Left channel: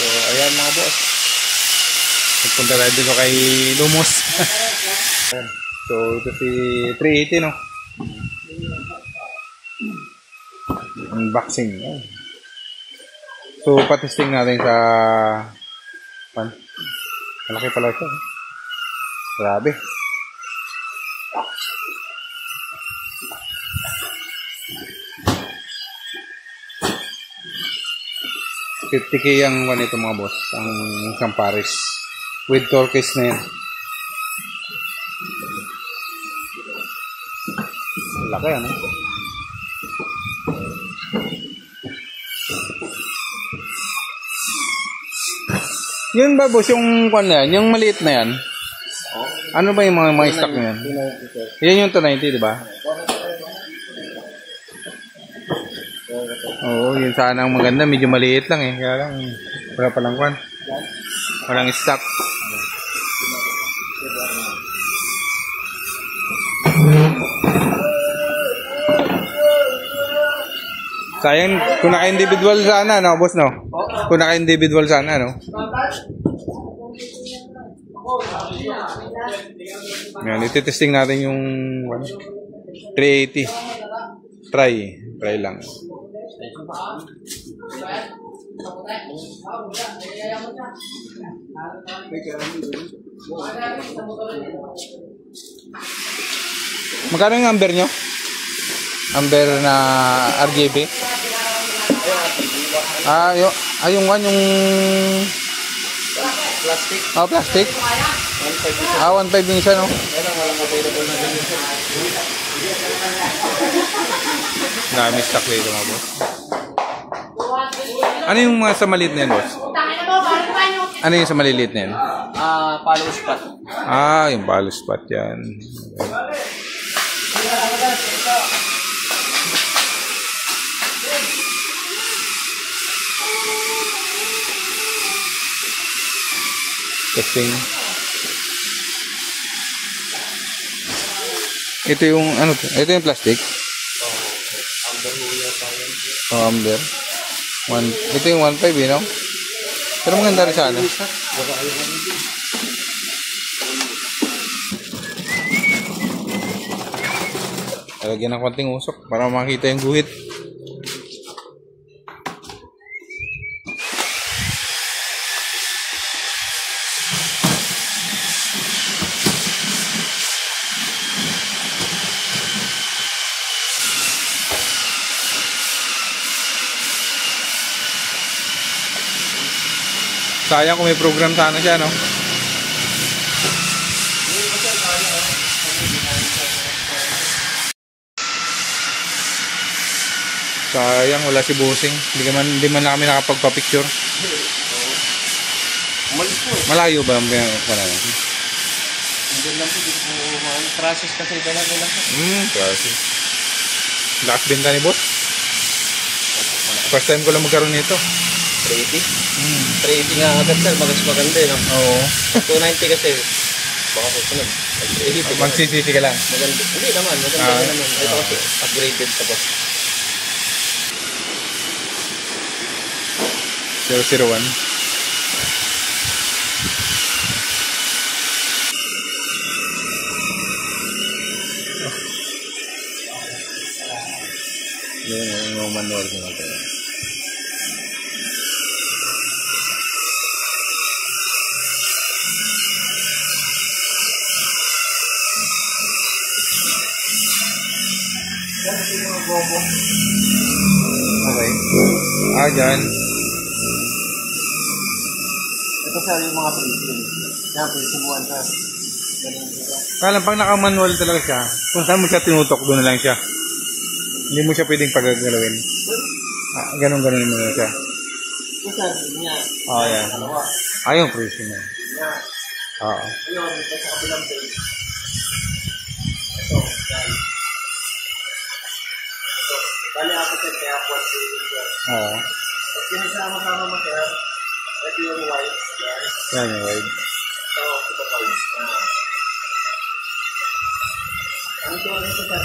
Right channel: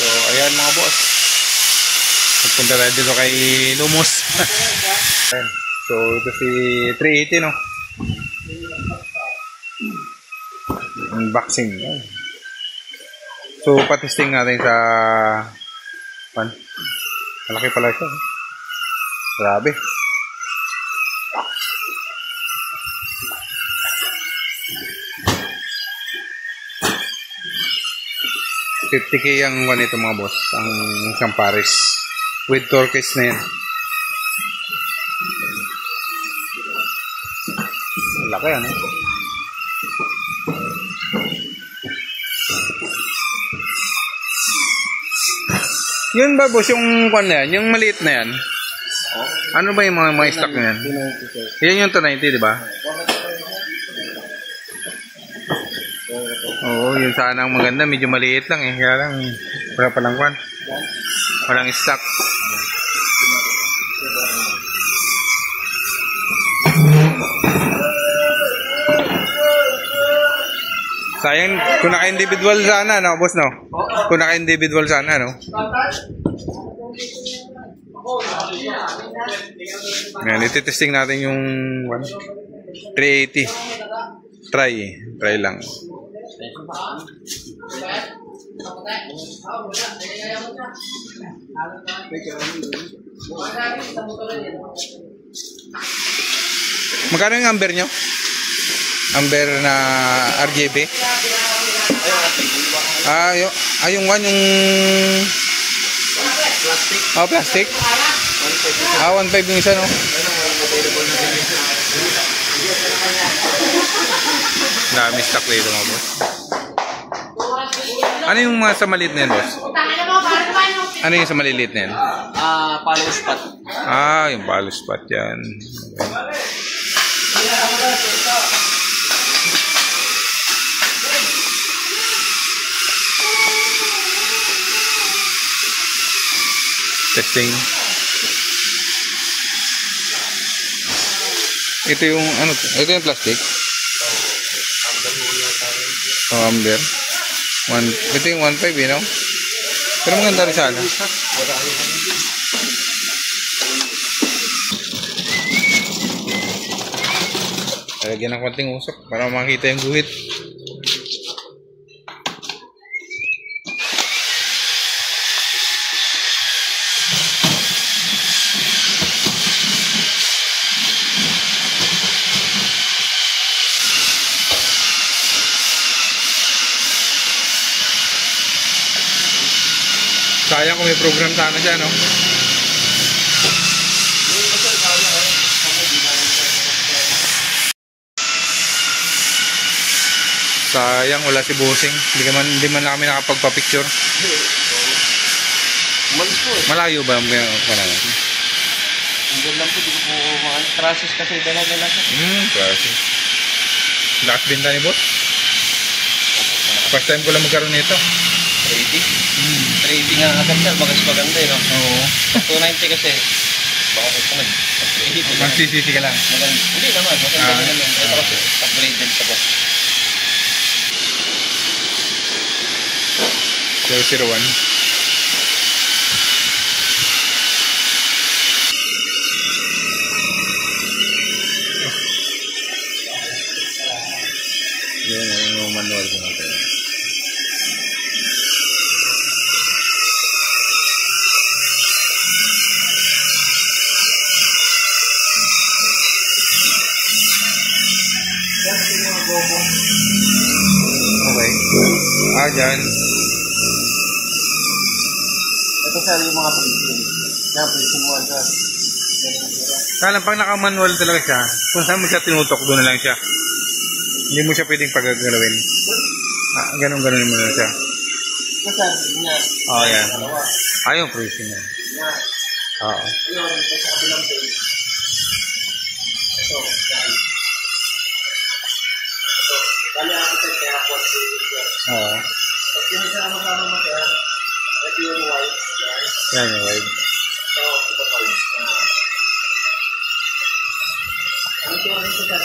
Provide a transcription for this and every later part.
So, ayan mga boss. Nagpunta tayo dito kay Lumos. So, ito si 380, no? Unboxing. So, patesting natin sa malaki pala siya. Grabe. $50K ang ito mga boss. Ang isang Paris. With turquoise na yan. Laki ano? Yun ba boss yung kwan na yan? Yung maliit na yan? Ano ba yung mga stock na yan? Yan yung 290 di ba? Oo, yun sana ang maganda. Medyo maliit lang eh. Kaya lang, wala palang kwan. Walang stock. Sayang, kung naka-individual sana, no, boss, no? Kung naka-individual sana, no? Ngayon, ititesting natin yung 380. Try lang. Magkano yung amber nyo? Amber na RGB? Yung one, yung plastic? Oh, plastic? 1.5 yung isa, no? Dami stock dito mga boss. Ano yung mga sa maliit na yan, boss? Ano yung sa maliliit na yan? Palo spot. Yung palo spot yan. Okay. Testing. Ito yung ano? Ito yung plastic. Amber. Ito yung 1.5 eh, no? Pero maganda rin sana. Lagyan ng konting usok para makita yung guhit. Sayang kung may program sana siya, no? Sayang, wala si Bossing. Hindi man na kami nakapagpa-picture. Malayo ba ang panahon? Hindi lang po, dito po process kasi dalaga lang po. Process. Lakas binta ni boss. First time ko lang magkaroon nito. 380? 380 nga agad sir, bagas maganda eh. Oo. 290 kasi. Baka kasi magsisisi ka lang. Maganda. Hindi naman, maganda naman. Ito kasi upgraded pa po. 001. Yan yung manual ko natin. Okay. Dyan. Ito sa yung mga pricing. Yan, pricing 1 sir. Kala pag naka-manual talaga siya, kung saan mo siya tinutok, doon na lang siya. Hindi mo siya pwedeng pagagalawin. Ganun-ganun mo na siya. Yan. Yung pricing mo. Oo. Bali ako sir, kaya po at Oo. at sinasama-sama mo sir, ito yung white. Yan yung wide. So, ito pa rin. Ano ito rin ito sir?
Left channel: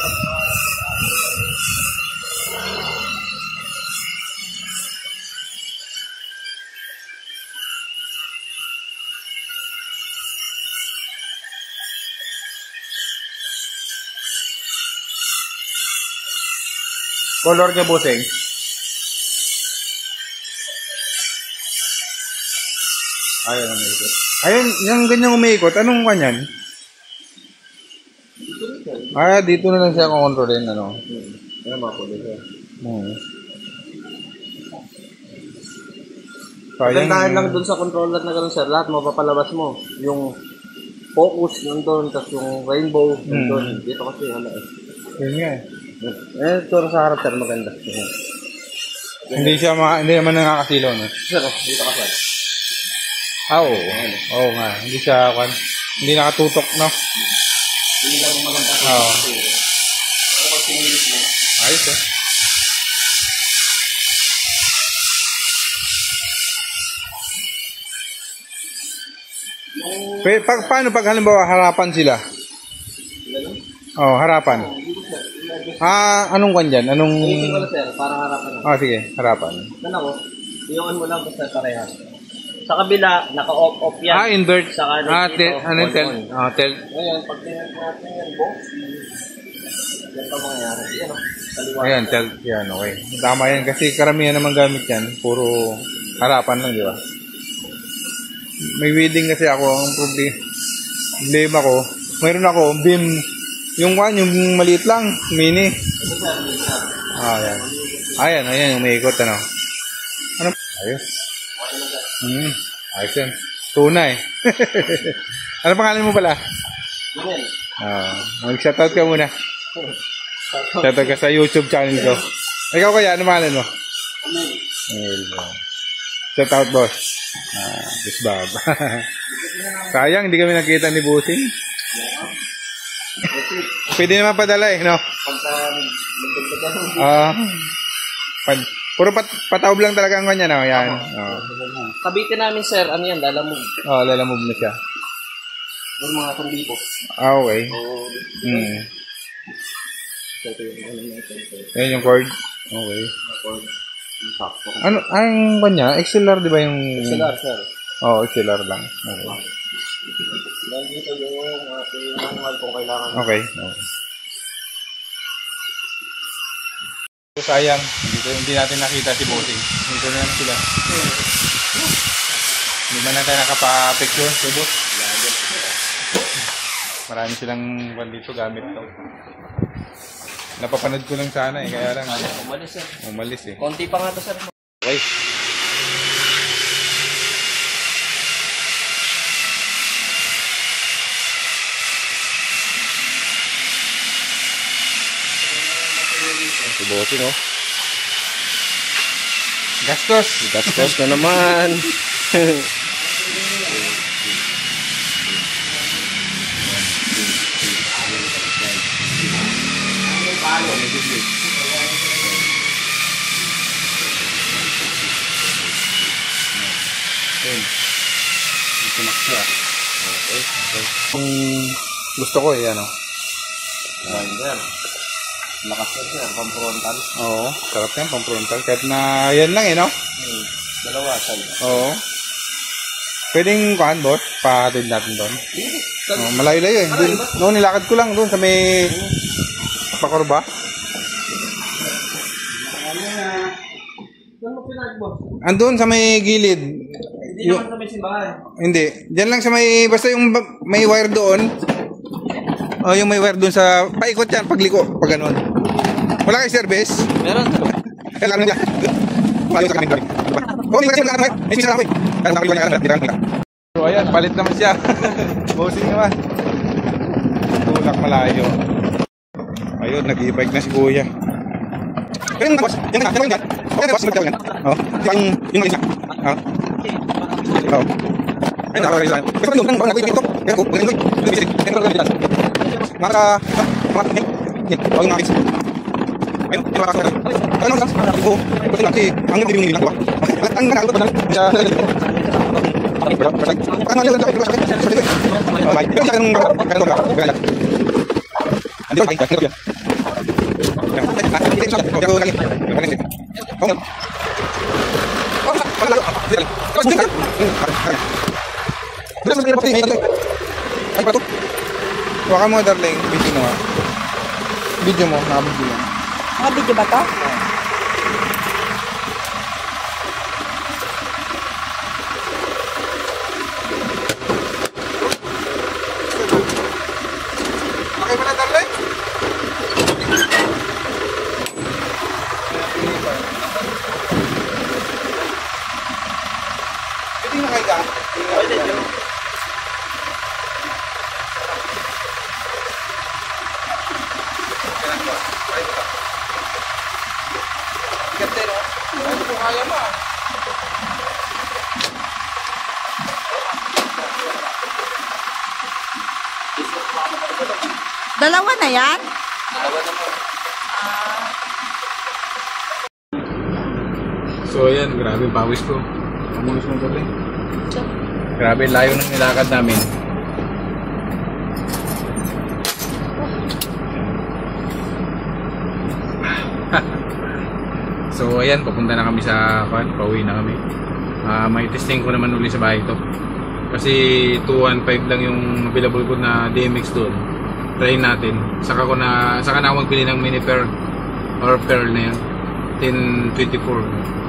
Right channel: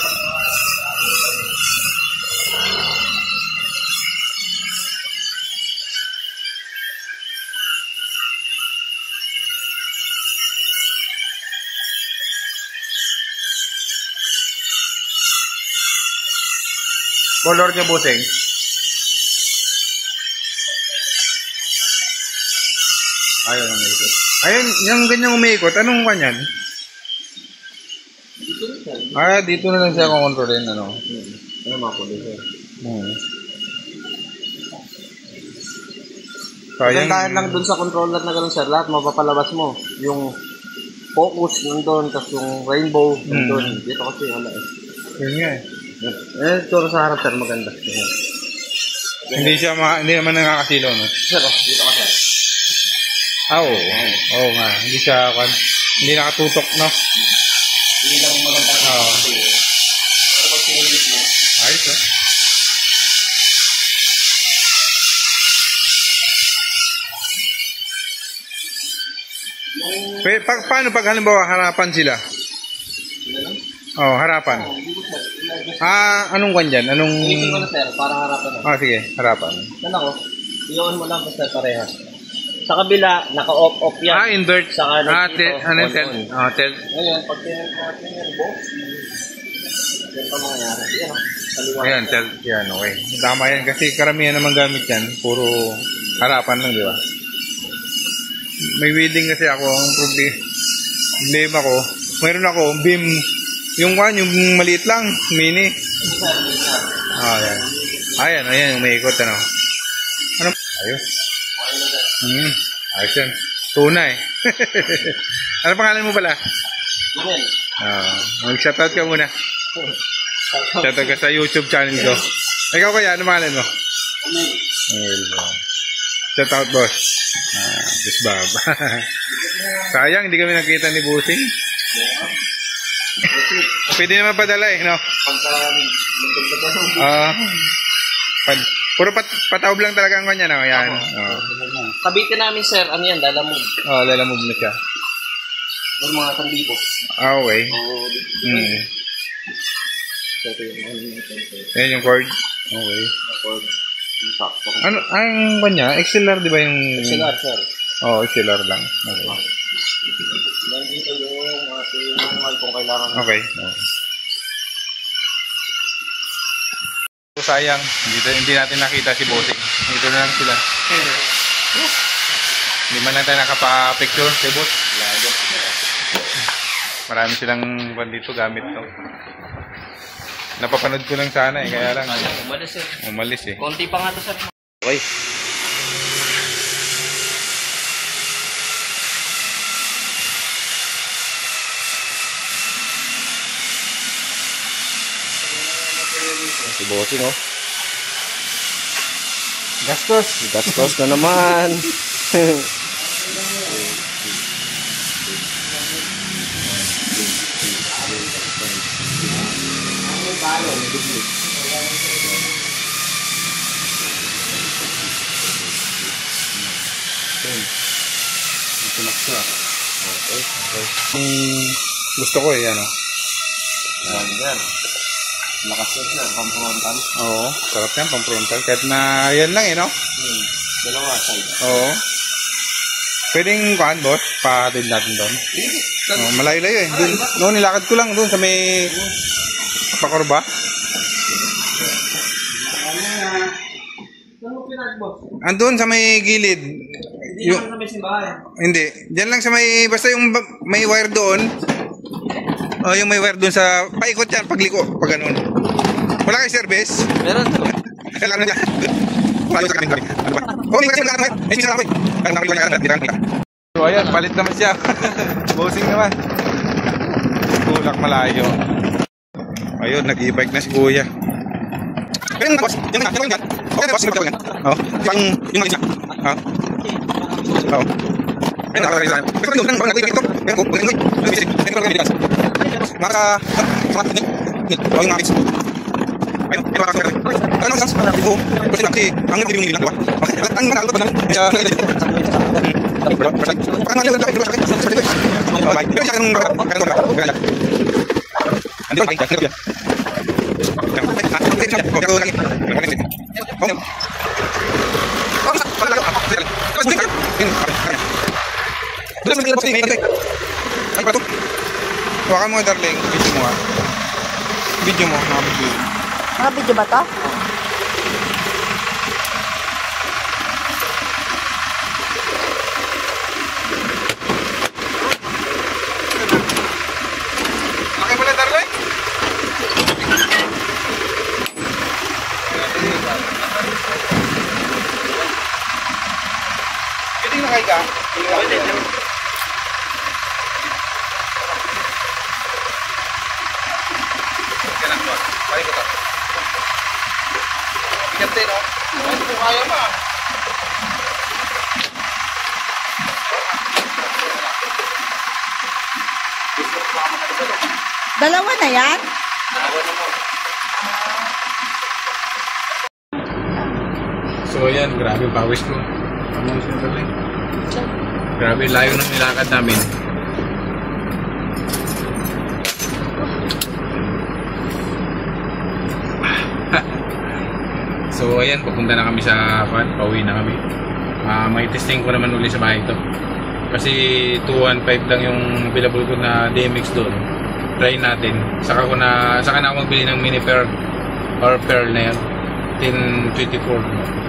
Color niya, bossing. Ayaw na umiikot. Ayun, yung ganyang umiikot, anong kanyan? Dito na lang siya kukontrolin, ano? Ano mga kulo sir? Sayang. Dahil lang dun sa controller na gano'n sir, lahat mapapalabas mo. Yung focus nandun, tapos yung rainbow nandun. Dito kasi ano eh. Yun nga eh. Tsura sa harap sir, maganda. Hindi naman nakakasilaw, no? Sir, dito ka sir. Oo. Oo nga. Hindi siya, hindi nakatutok, no? Hindi lang maganda. Oo. Kapag sinilit mo. Ayos, ah. Paano pag halimbawa harapan sila? Harapan. Anong kwan dyan? Anong... Ito ko na sir, parang harapan na. Sige, harapan. Ano ko? Iyon mo lang basta parehas. Sa kabila, naka-off yan. Invert. Sa kanan dito. Ano yung tel? Tel. Ngayon, pag natin yung box, yan pa mangyayari. Yan o. Ayan, tel. Yan, okay. Tama yan. Kasi karamihan naman gamit yan. Puro harapan lang, di ba? May welding kasi ako. Ang problema ko, mayroon ako, beam, yung maliit lang, mini. Yan. Ayan, yung umiikot, ano. Ayos. Ayos yan. Tunay. Ano pangalan mo pala? Mag-shoutout ka muna. Shoutout ka sa YouTube channel ko. Ikaw kaya, ano pangalan mo? Shoutout, boss. Boss Bob. Sayang, hindi kami nakita ni Busing. Pwede naman padala eh, no? Puro pataob lang talaga ang kanya, no? Yan. Kabitin namin, sir. Ano yan? Lalamove. Lalamove na siya. Yung mga sandipo. Okay. Yan yung cord. Okay. Ano, ang kanya? XLR, di ba yung... XLR, sir. XLR lang. Okay. Nandito yung manual kung kailangan. Okay. Sayang, hindi natin nakita si Bossing. Dito na lang sila. Hindi man lang tayo nakapa-picture si Boss. Marami silang dito gamit to. Napapanood ko lang sana eh, kaya lang umalis eh. Konti pa nga to sir. Okay. Si Bossing, oh. Gastos na naman. Gusto ko eh, ano. Lakas siya, pang-frontal. Oo, sarap yan, pang-frontal. Kahit na yan lang eh, no? Dalawa, side. Oo. Pwedeng kuhan, boss? Pahatid natin doon. Malayo-layo eh. Noon nilakad ko lang doon sa may Pakorba. Saan mo pinag-boss? Andun sa may gilid. Hindi naman sa may simbahan. Hindi. Diyan lang sa may, basta yung may wire doon. Yung may wire doon sa, paikot yan, pagliko, pag ganun. Wala kayo service? Meron. Kailangan nila. Payo sa kaming. Ano ba? Hindi kasi nagkakaroon. Ay, minsan ako eh. So, ayan, palit naman siya. Bossing naman. Tulak malayo. Ayun, nag-e-bike na si Kuya. Pero yung boss, yan na, yan. Okay na boss, yung yan. Yung malis na. Ayun, nakakarinig lang. Pero yung nang nag-e-bike ito. Kaya ko, nag-e-bike. Maka, yung nakits. Ayun, yung makakarinig. Ano ang sans? Oo, kasi lang, kasi ang nag-e-bike lang, diba? Ang nakakot ba namin? Siya, Waka mo darling, video mo, mga video. Mga video ba to? Pwede nakahiga. Pwede yun. Kailan ba? Pari ko ta. Bigat din, no? Ano kung kaya ma? Dalawa na yan? Dalawa na mo. So ayan, grabe pawis ko. Grabe layo ng nilakad namin. So ayan, pupunta na kami sa pauwi na kami. May testing ko naman uli sa bahay to. Kasi 215 lang yung available ko na DMX doon. Try natin. Saka na ako magbili ng mini pearl or pearl na yan. 1024.